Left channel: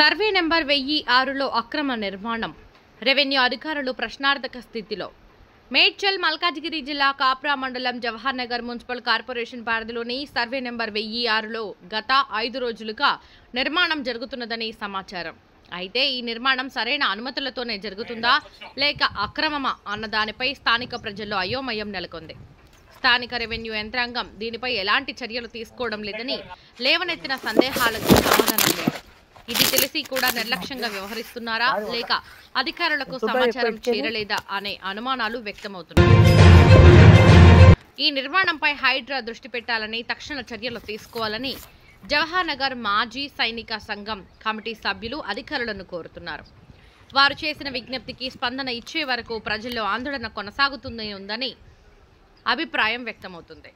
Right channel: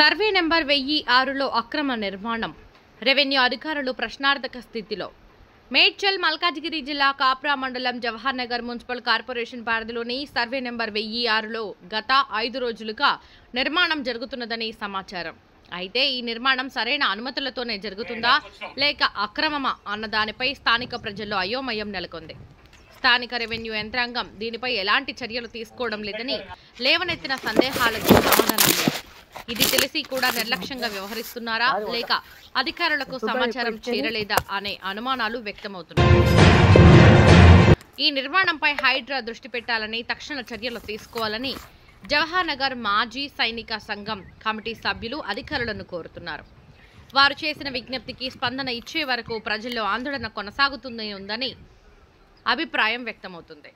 Survey number 1006లో అక్రమ నిర్మాణం. Revenue అధికారులు ప్రశ్నార్థక స్థితిలో. మేడ్చల్ మల్కాజిగిరి జిల్లా కాప్రా మండలం జవహర్ నగర్ మున్సిపల్ కార్పొరేషన్ పరిధిలోని సర్వే నెంబర్ 1006లో గత 5 రోజులుగా నిర్మాణం జరుగుతున్నదని సమాచారం. అయితే ఈ నిర్మాణం సరైన అనుమతులతోనే జరుగుతుందా లేక అక్రమమా అన్న దానిపై స్థానిక ప్రజల్లో అయోమయం నెలకొంది. స్థానిక రెవెన్యూ యంత్రాంగం దీనిపై ఎలాంటి చర్యలు తీసుకోవడం లేదని లేవనెత్తిన సందేహాలకు సమాధానం లేదు. ఇది తెలిసి కూడా నిర్లక్ష్యంగా వ్యవహరిస్తున్నారా లేక అధికారులకు సమాచారం చేరలేదా అనే అనుమానాలు వ్యక్తమవుతున్నాయి. ఈ నిర్మాణంపై హైడ్రా దృష్టి పెట్టాలని, తక్షణ చర్యలు తీసుకోవాలని జవహర్ నగర్ మాజీ సైనిక సంఘం కమిటీ సభ్యులు అధికారులను కోరుతున్నారు. వారు చేసిన విజ్ఞప్తికి స్పందన ఇచ్చే వరకు ప్రజల్లో ఆందోళన కొనసాగుతుందని అభిప్రాయం వ్యక్తమవుతుంది.